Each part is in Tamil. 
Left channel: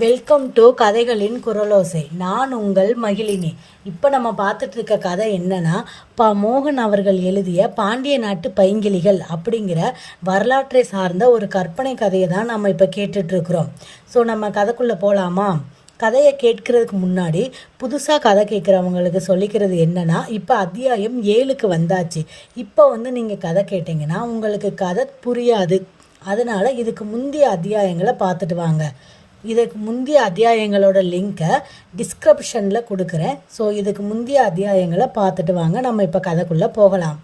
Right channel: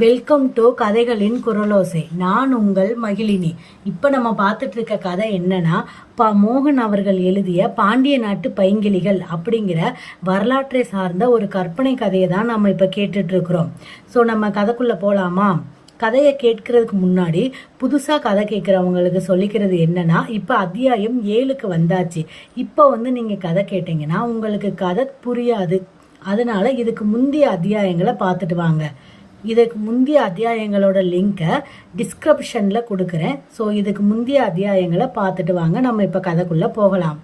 வெல்கம் டு கதைகளின் குரலோசை. நான் உங்கள் மகிழினி. இப்போ நம்ம பார்த்துட்டு இருக்க கதை என்னன்னா ப மோகன் அவர்கள் எழுதிய பாண்டிய நாட்டு பைங்கிளிகள் அப்படிங்கிற வரலாற்றை சார்ந்த ஒரு கற்பனை கதையை தான் நம்ம இப்போ கேட்டுட்ருக்குறோம் ஸோ நம்ம கதைக்குள்ளே போகலாமா கதையை கேட்கறதுக்கு முன்னாடி புதுசாக கதை கேட்குறவங்களுக்கு சொல்லிக்கிறது என்னென்னா இப்போ அத்தியாயம் ஏழுக்கு வந்தாச்சு. இப்போ வந்து நீங்கள் கதை கேட்டிங்கன்னா உங்களுக்கு கதை புரியாது. அதனால இதுக்கு முந்தைய அத்தியாயங்களை பார்த்துட்டு வாங்க. இதுக்கு முந்தைய அத்தியாயங்களோட லிங்கை டிஸ்கிரிப்ஷனில் கொடுக்குறேன். ஸோ இதுக்கு முந்தைய அத்தியாயங்களை பார்த்துட்டு வாங்க. நம்ம இப்போ கதைக்குள்ளே போகலாம்.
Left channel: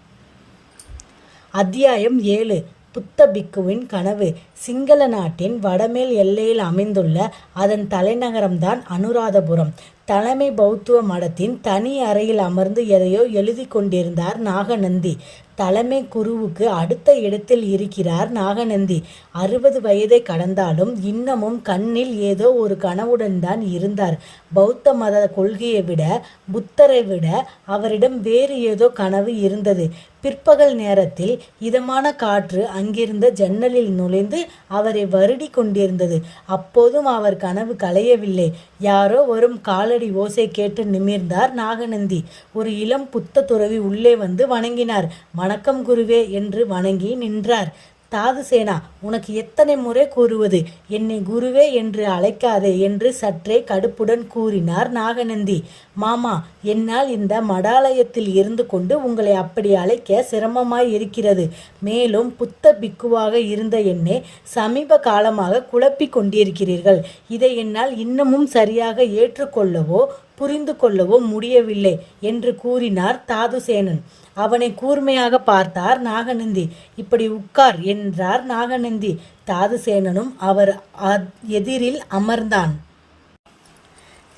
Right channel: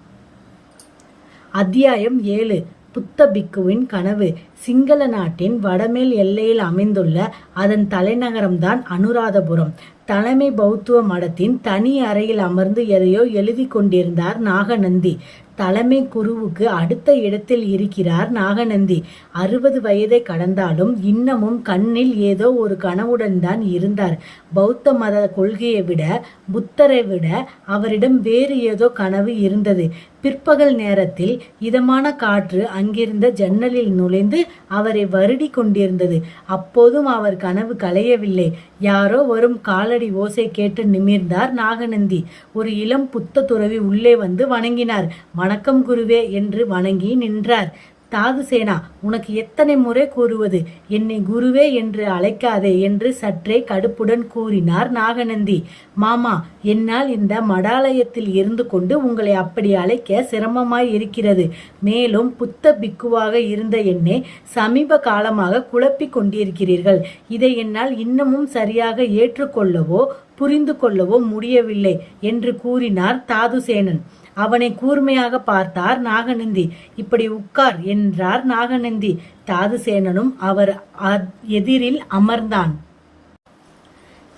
அத்தியாயம் ஏழு. புத்த பிக்குவின் கனவு. சிங்கள நாட்டின் வடமேல் எல்லையில் அமைந்துள்ள அதன் தலைநகரம்தான் அனுராதபுரம். தலைமை பௌத்துவ மடத்தின் தனி அறையில் அமர்ந்து எதையோ எழுதி கொண்டிருந்தார் நாகநந்தி. தலைமை குருவுக்கு அடுத்த இடத்தில் இருக்கிறார் நாகநந்தி. அறுபது வயதை கடந்தாலும் இன்னமும் கண்ணில் ஏதோ ஒரு கனவுடன் தான் இருந்தார். பௌத்த மத கொள்கையை விட புத்தரை விட அவரிடம் வேறு ஏதோ கனவு இருந்தது. பிற்பகல் நேரத்தில் இதமான காற்று அங்கிருந்த ஜன்னலில் நுழைந்து அவரை வருடி கொண்டிருந்தது. அப்போதும் அவர் கனவு களையவில்லை. யாரோ வரும் காலடி ஓசை கேட்டு நிமிர்ந்தார் நாகநந்தி. ஒரு இளம் புத்த துறவி உள்ளே வந்து வணங்கினார். வணக்கம் குருவே என்று வணங்கி நின்றார். தாதுசேனா உனக்கு எத்தனை முறை கூறுவது? என்னை குருவே என்று அழைக்காதே என்று சற்றே கடுப்புடன் கூறினார் நாகநந்தி. மாமா என்னால் இந்த மடாலயத்தில் இருந்து கொண்டு உங்களை அப்படி அழைக்க சிரமமாய் இருக்கிறது. மேலும் புத்த பிக்குவாக இருந்த என்னை சமீப காலமாக குழப்பிக் கொண்டிருக்கிறீர்கள். இதை என்னால் இன்னமும் சரியாக ஏற்றுக்கொள்ளவோ புரிந்து கொள்ளவோ முடியவில்லை என்று கூறினார் தாதுசேனன். அவனை கூர்மையாக பார்த்தார் நாகநந்தி. இப்படி உட்கார் என்றார் நாகநந்தி. தாதுசேனனும் அவர் அ- எதிரில் அமர்ந்தான்.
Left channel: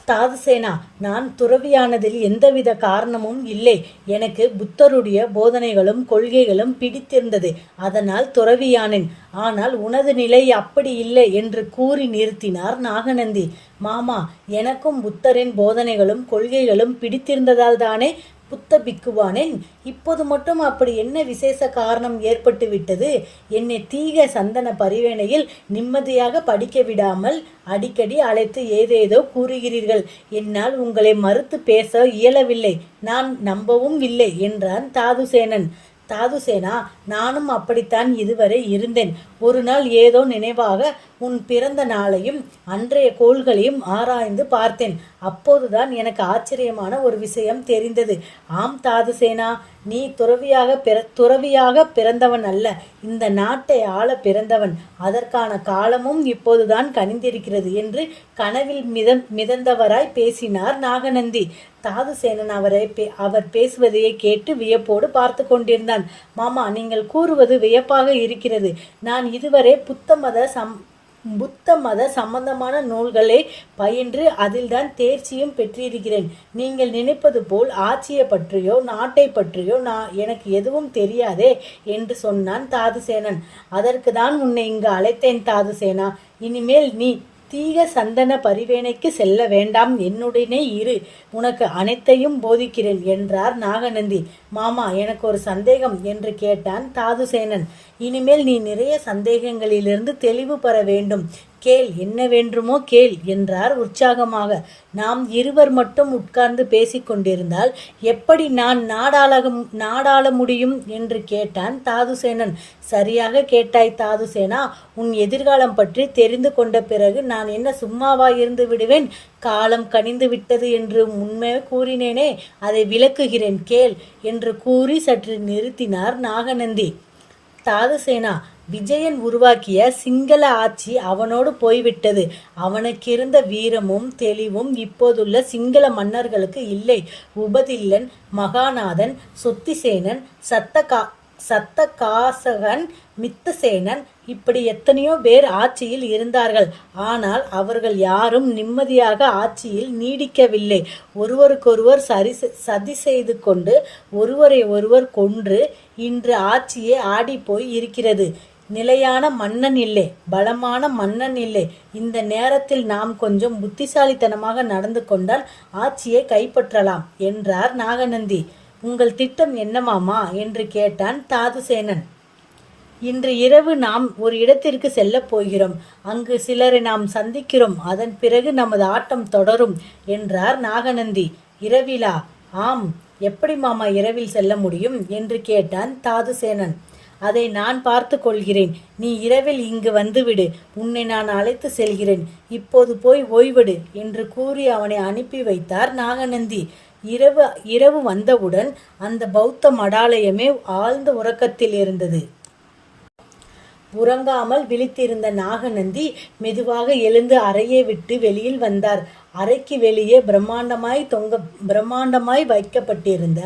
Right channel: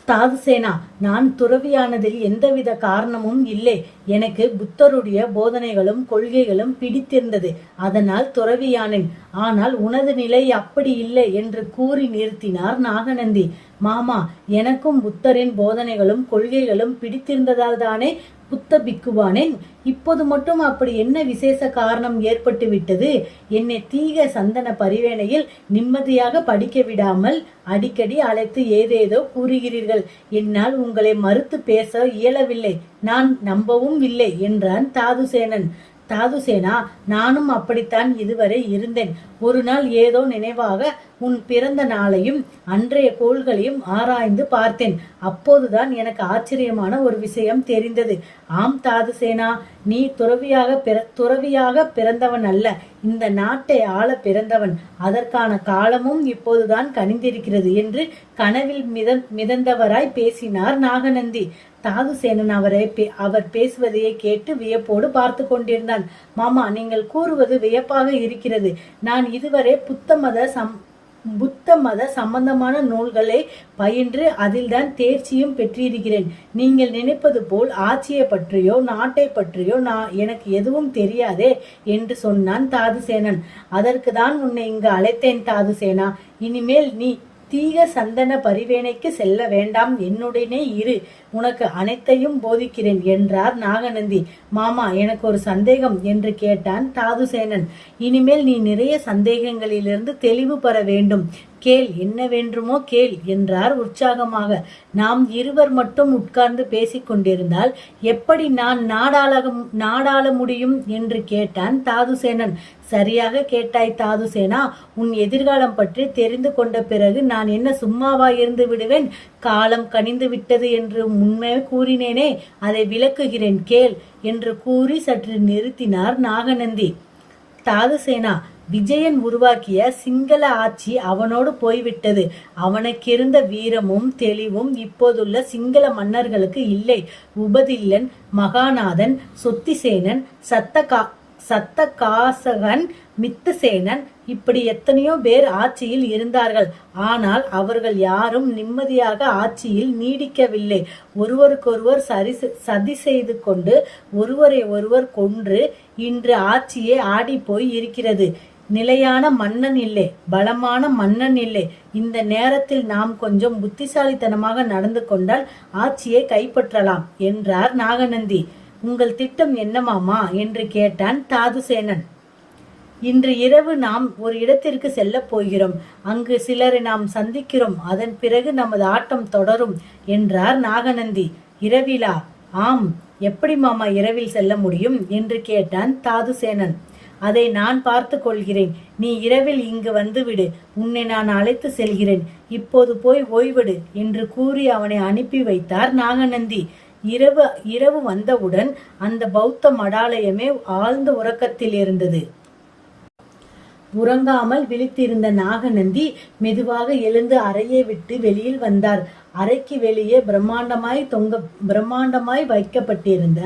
தாதுசேனா நான் துறவியானதில் எந்தவித காரணமும் இல்லை. எனக்கு புத்தருடைய போதனைகளும் கொள்கைகளும் பிடித்திருந்தது. அதனால் துறவியானேன். ஆனால் உனது நிலை அப்படி இல்லை என்று கூறி நிறுத்தினார் நாகநந்தி. மாமா எனக்கும் புத்தரின் போதனைகளும் கொள்கைகளும் பிடித்திருந்ததால் தானே புத்த பிக்குவானேன்? இப்போது மட்டும் அப்படி என்ன விசேஷ காரணம் ஏற்பட்டு விட்டது? என்னை தீக சந்தன பரிவேணையில் நிம்மதியாக படிக்க விடாமல் அடிக்கடி அழைத்து ஏதேதோ கூறுகிறீர்கள். என்னால் உங்களை மறுத்து பேச இயலவில்லை. நான் நம்பவும் இல்லை என்றான் தாதுசேனன். தாதுசேனா நானும் அப்படித்தான் இதுவரை இருந்தேன். ஒரு நாள் ஏதோ நினைவாக உன் பிறந்த நாளையும் அன்றைய கோள்களையும் ஆராய்ந்து பார்த்தேன். அப்போதுதான் எனக்கு ஆச்சரியமான ஒரு விஷயம் தெரிந்தது. ஆம் தாதுசேனா நீ துறவியாக பிற துறவியாக பிறந்தவன் அல்ல. இந்த நாட்டை ஆள பிறந்தவன். அதற்கான காலமும் இப்போதுதான் கனிந்திருக்கிறது என்று கனவில் மித மிதந்தவராய் பேசினார் நாகநந்தி. தாதுசேனன் அவரை பே- அவர் பேசுவதையே கேட்டு வியப்போடு பார்த்து கொண்டிருந்தான். மாமா நீங்கள் கூறுவது வியப்பாக இருக்கிறது. நான் இதுவரை புத்த மத சம் புத்த மத சம்பந்தமான நூல்களை பயின்று அதில்தான் தேர்ச்சியும் பெற்றிருக்கிறேன். நீங்கள் நினைப்பது போல் ஆட்சியை பற்றியோ நாட்டை பற்றியோ நான் எனக்கு எதுவும் தெரியாதே என்று சொன்னான் தாதுசேனன். அதற்கு தான் உன்னை இங்கு அழைத்தேன் தாதுசேனா. இனிமேல் நீ தீர சந்தன பரிவேணைக்கு செல்ல வேண்டாம். என்னுடனே இரு. உனக்கு அனைத்தையும் போதிக்கிறேன் என்றார் நாகநந்தி. மாமா எனக்கு ஒரு சந்தேகம் என்று கேட்டான் தாதுசேனன். இனிமேல் நீ நிறைய சந்தேகங்களிலிருந்து தெளிவு பெற வேண்டும். கேள் என்ன வேண்டுமோ கேள் என்றார் உற்சாகமாக. நாம் இருவர் மட்டும் உட்கார்ந்து பேசிக்கொண்டிருந்தால் எப்படி நான் நாடாள நாடாள முடியும் என்று கேட்டான் தாதுசேனன். சரியாக கேட்டாய் தாதுசேனா உன் எதிர்காலம் பற்றி தெரிந்து கொண்ட பிறகு நான் என்ன சும்மாவா இருந்து விடுவேன்? காலம் கனிந்து விட்டது என்று உண்மை கூறினேனே அதை விளக்குகிறேன் கேள் என்று கூறி சற்று நிறுத்தினார் நாகநந்தி. தாதுசேனா விஜயன் உருவாக்கிய சிங்கள ஆட்சி அவனோடு போய்விட்டது. அவனுக்கிருந்த வீரமும் தெளிவும் இப்போதுள்ள சிங்கள மன்னர்களுக்கு இல்லை. உபதில்லன் மகாநாதன் சொத்திசேனன் சத்தகா சத்தகாசகன் மித்தசேனன் இப்படி எத்தனையோ பேர் ஆட்சியில் இருந்தார்கள். ஆனால் அவர்கள் யாரும் நிம்மதியாக ஆட்சியில் நீடிக்கவில்லை. ஒருவருக்கொருவர் சரி சதி செய்து கொண்டு ஒருவரை ஒருவர் கொன்று இன்று ஆட்சியே ஆடிப்போய் இருக்கிறது. நிலையான மன்னன் இல்லை பலமான மன்னன் இல்லை. இந்த நேரத்தில் நாம் கொஞ்சம் புத்திசாலித்தனமாக நடந்து கொண்டால் ஆட்சியை கைப்பற்றலாம் என்றார் நாகநந்தி. உங்கள் திட்டம் என்ன மாமா என்று கேட்டான் தாதுசேனன். இன்று இரவு நாம் ஒரு இடத்திற்கு செல்ல போகிறோம். அங்கு சிலரை நாம் சந்திக்கிறோம். அதன் பிறகு நமது ஆட்டம் தொடரும் என்றார் நாகநந்தி. இரவிலா? ஆம் எப்படி மாமா இரவில் செல்ல முடியும்? என்று கேட்டான் தாதுசேனன். அதை நான் பார்த்து கொள்கிறேன். நீ இரவில் இங்கு வந்துவிடு. உன்னை நான் அழைத்து செல்கிறேன். இப்போது போய் ஓய்விடு என்று கூறி அவனை அனுப்பி வைத்தார் நாகநந்தி. இரவு இரவு வந்தவுடன் அந்த பௌத்த மடாலயமே ஆழ்ந்த உறக்கத்தில் இருந்தது. உறங்காமல் விழித்திருந்த நாகநந்தி மெதுவாக எழுந்து அறையை விட்டு வெளியில் வந்தார். அறைக்கு வெளியே பிரம்மாண்டமாய் தொங்க பிரம்மாண்டமாய் வைக்கப்பட்டிருந்த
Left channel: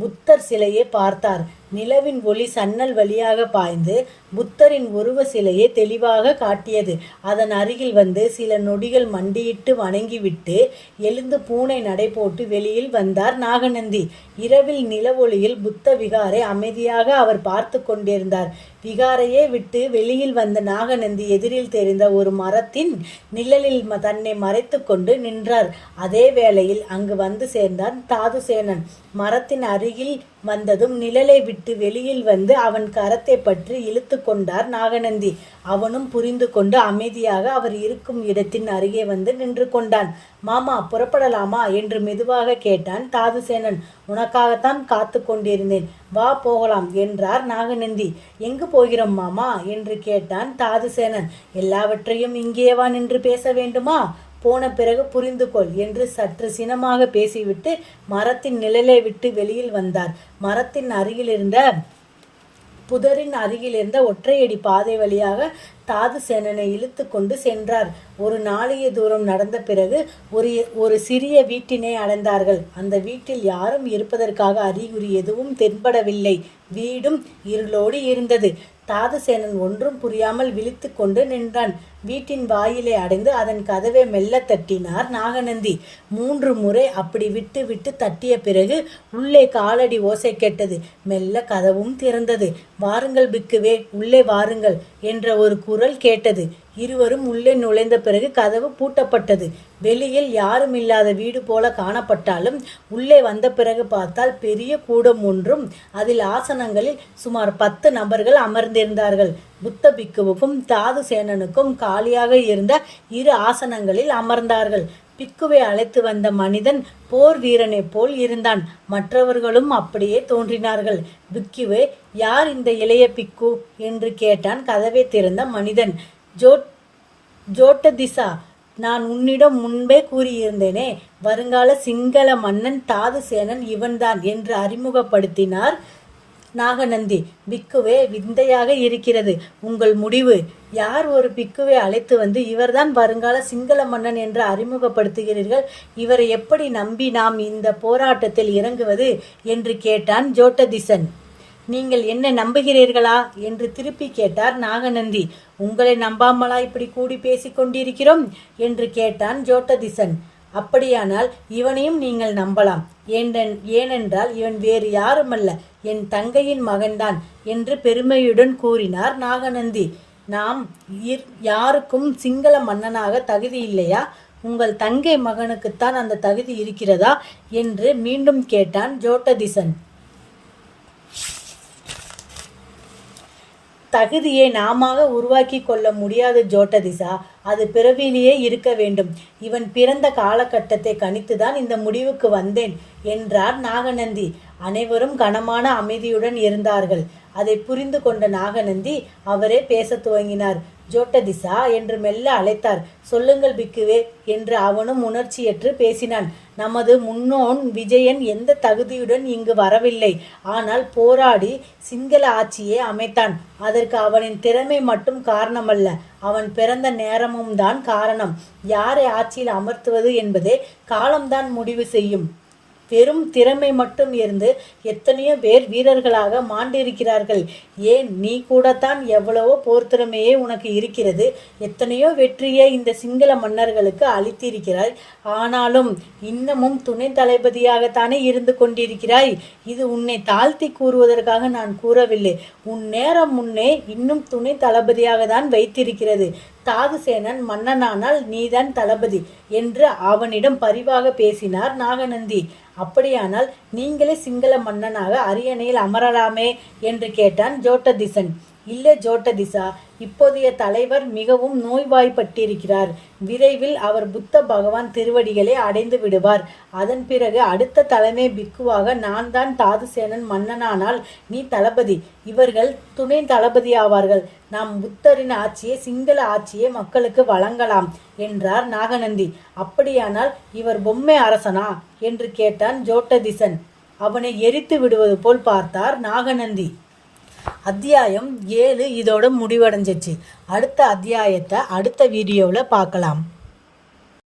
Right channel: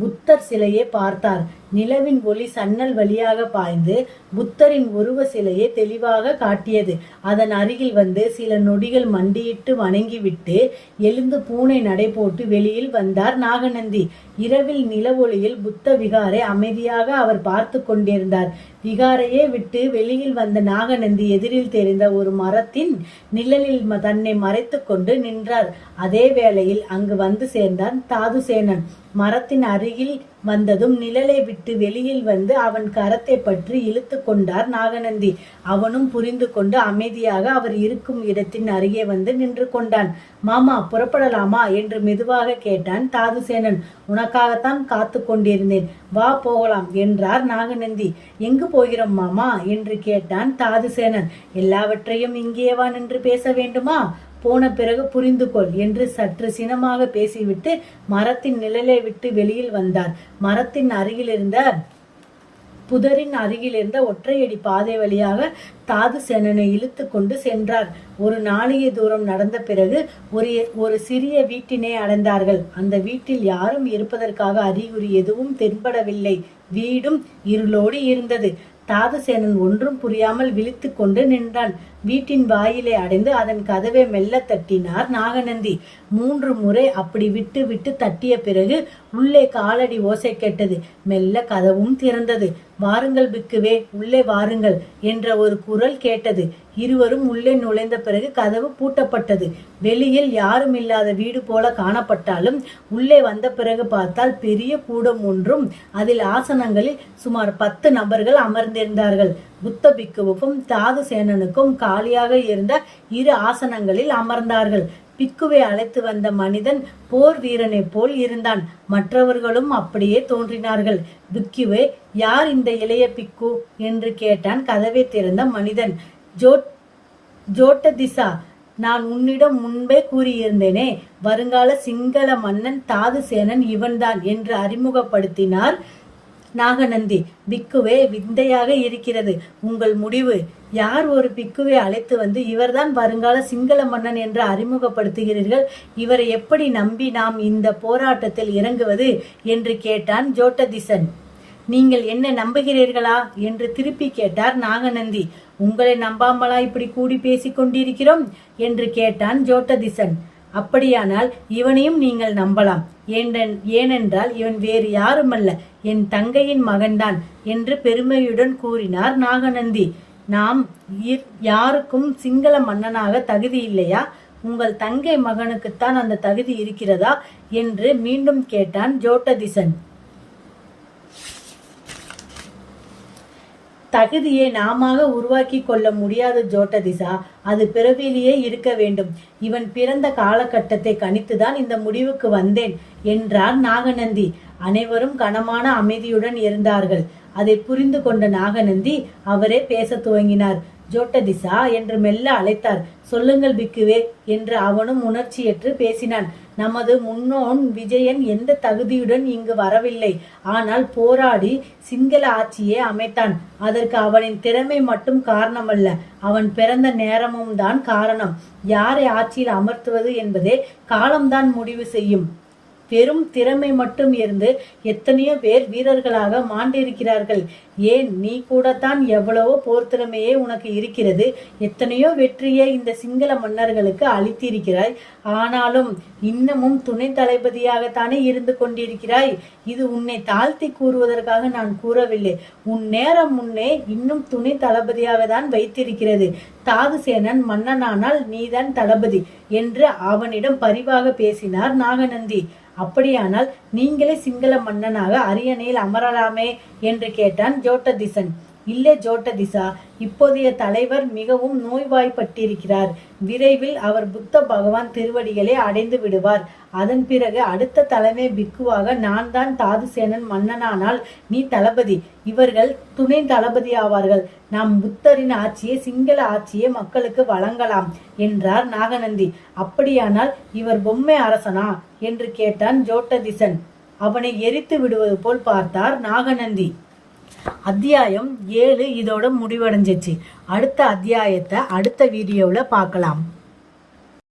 புத்தர் சிலையை பார்த்தார். நிலவின் ஒளி சன்னல் வழியாக பாய்ந்து புத்தரின் உருவ சிலையை தெளிவாக காட்டியது. அதன் அருகில் வந்து சில நொடிகள் மண்டியிட்டு வணங்கிவிட்டு எழுந்து பூனை நடை போட்டு வெளியில் வந்தார் நாகநந்தி. இரவில் நிலவொளியில் புத்த விகாரை அமைதியாக அவர் பார்த்து கொண்டிருந்தார். விகாரையே விட்டு வெளியில் வந்த நாகநந்தி எதிரில் தெரிந்த ஒரு மரத்தின் நிழலில் ம- தன்னை மறைத்து கொண்டு நின்றார். அதே வேளையில் அங்கு வந்து சேர்ந்தான் தாதுசேனன். மரத்தின் அருகில் வந்ததும் நிழலை விட்டு வெளியில் வந்து அவன் கரத்தை பற்றி இழுத்து கொண்டார் நாகநந்தி. அவனும் புரிந்து கொண்டு அமைதியாக அவர் இருக்கும் இடத்தின் அருகே வந்து நின்று கொண்டான். மாமா புறப்படலாமா? என்று மெதுவாக கேட்டான் தாதுசேனன். உனக்காகத்தான் காத்து கொண்டிருந்தேன். வா போகலாம் என்றார் நாகநந்தி. எங்கு போகிறோம் மாமா? என்று கேட்டான் தாதுசேனன். எல்லாவற்றையும் இங்கேவா நின்று பேச வேண்டுமா? போன பிறகு புரிந்து கொள் என்று சற்று சினமாக பேசிவிட்டு மரத்தின் நிழலை விட்டு வெளியில் வந்தார். மரத்தின் அருகில் இருந்த புதரின் அருகில் இருந்த ஒற்றையடி பாதை வழியாக தாது சேனனை இழுத்து கொண்டு சென்றார். ஒரு நாளைய தூரம் நடந்த பிறகு ஒரு ஒரு சிறிய வீட்டினை அடைந்தார்கள். அந்த வீட்டில் யாரும் இருப்பதற்காக அறிகுறி எதுவும் தென்படவில்லை. வீடும் இருளோடு இருந்தது. தாதுசேனன் ஒன்றும் புரியாமல் விழித்து கொண்டு நின்றான். வீட்டின் வாயிலை அடைந்து அதன் கதவை மெல்ல தட்டினார் நாகநந்தி. மூன்று முறை அப்படி விட்டு விட்டு தட்டிய பிறகு உள்ளே காலடி ஓசை கேட்டது. மெல்ல கதவும் திறந்தது. வாருங்கள் பிக்குவே உள்ளே வாருங்கள் என்ற ஒரு குரல் கேட்டது. இருவரும் உள்ளே நுழைந்த பிறகு கதவு பூட்டப்பட்டது. வெளியில் யாரும் இல்லாத வீடு போல காணப்பட்டாலும் உள்ளே வந்த பிறகு பார்த்தால் பெரிய கூடம் ஒன்றும் அதில் ஆசனங்களில் சுமார் பத்து நபர்கள் அமர்ந்திருந்தார்கள். புத்த பிக்குவுக்கும் தாது சேனனுக்கும் காலியாக இருந்த இரு ஆசனங்களில் அமர்ந்தார்கள். பிக்குவை அழைத்து வந்த மனிதன் போர் வீரனைப் போல் இருந்தான். மற்றவர்களும் அப்படியே தோன்றினார்கள். பிக்குவே யார் இந்த இளைய பிக்கு? என்று கேட்டான் கதவை திறந்த மனிதன். ஜோட் ஜோட்ட திசா நான் உன்னிடம் முன்பே கூறியிருந்தேனே வருங்கால சிங்கள மன்னன் தாதுசேனன் இவன்தான் என்று அறிமுகப்படுத்தினார் நாகநந்தி பிக்குவே விந்தையாக இருக்கிறது. உங்கள் முடிவு. யார் ஒரு பிக்குவை அழைத்து வந்து இவர்தான் வருங்கால சிங்கள மன்னன் என்று அறிமுகப்படுத்துகிறீர்கள்? இவரை எப்படி நம்பி நாம் இந்த போராட்டத்தில் இறங்குவது? என்று கேட்டான் ஜோட்டதிசன். நீங்கள் என்ன நம்புகிறீர்களா? என்று திருப்பி கேட்டார் நாகநந்தி. உங்களை நம்பாமலா இப்படி கூடி பேசிக் கொண்டிருக்கிறோம்? என்று கேட்டான் ஜோட்டதிசன். அப்படியானால் இவனையும் நீங்கள் நம்பலாம். ஏனென்றால் இவன் வேறு யாருமல்ல. என் தங்கையின் மகன்தான் என்று பெருமையுடன் கூறினார் நாகநந்தி. நாம் இர்- யாருக்கும் சிங்கள மன்னனாக தகுதி இல்லையா? உங்கள் தங்கை மகனுக்குத்தான் அந்த தகுதி இருக்கிறதா? என்று மீண்டும் கேட்டான் ஜோட்டதிசன். தகுதியை நாமாக உருவாக்கி கொள்ள முடியாத ஜோட்டதிசா அது பிறவிலேயே இருக்க வேண்டும். இவன் பிறந்த காலகட்டத்தை கணித்துதான் இந்த முடிவுக்கு வந்தேன் என்றார் நாகநந்தி. அனைவரும் கனமான அமைதியுடன் இருந்தார்கள். அதை புரிந்து கொண்ட நாகநந்தி அவரே பேச துவங்கினார். ஜோட்டதிசா என்று மெல்ல அழைத்தார். சொல்லுங்கள் பிக்குவே என்று அவனும் உணர்ச்சியற்று பேசினான். நமது முன்னோன் விஜயன் எந்த தகுதியுடன் இங்கு வரவில்லை. ஆனால் போராடி சிங்கள ஆட்சியை அமைத்தான். அதற்கு அவனின் திறமை மட்டும் காரணமல்ல. அவன் பிறந்த நேரமும் தான் காரணம். யாரை ஆட்சியில் அமர்த்துவது என்பதே காலம்தான் முடிவு செய்யும். வெறும் திறமை மட்டும் இருந்து எத்தனையோ பேர் வீரர்களாக மாண்டிருக்கிறார்கள். ஏன் நீ கூடத்தான் எவ்வளவோ போர்த்திறமையே உனக்கு இருக்கிறது? எத்தனையோ வெற்றியை இந்த சிங்கள மன்னர்களுக்கு அளித்திருக்கிறாய். ஆனாலும் இன்னமும் துணை தளபதியாகத்தானே இருந்து கொண்டிருக்கிறாய். இது உன்னை தாழ்த்தி கூறுவதற்காக நான் கூறவில்லை. உன் நேரம் முன்னே இன்னும் துணை தளபதியாக தான் வைத்திருக்கிறது. தாதுசேனன் மன்னனானால் நீதான் தளபதி என்று அவனிடம் பரிவாக பேசினார் நாகநந்தி. அப்படியானால் நீங்களே சிங்கள மன்னனாக அரியணையில் அமரலாமே என்று கேட்டான் ஜோட்டதிசன். இல்லை ஜோட்டதிசா இப்போதைய தலைவர் மிகவும் நோய்வாய்ப்பட்டிருக்கிறார். விரைவில் அவர் புத்த பகவான் திருவடிகளை அடைந்து விடுவார். அதன் பிறகு அடுத்த தலைமை பிக்குவாக நான் தான் தாதுசேனன் மன்னனானால் நீ தளபதி. இவர்கள் துணை தளபதி ஆவார்கள். நாம் புத்தரின் ஆட்சியை சிங்கள ஆட்சியை மக்களுக்கு வழங்கலாம் என்றார் நாகநந்தி. அப்படியானால் இவர் பொம்மை அரசனா? என்று கேட்டான் ஜோட்டதிசன். அவனை எரித்து விடுவது போல் பார்த்தார் நாகநந்தி. அத்தியாயம் ஏழு இதோட முடிவடைஞ்சிச்சு. அடுத்த அத்தியாயத்தை அடுத்த வீடியோவில் பார்க்கலாம்.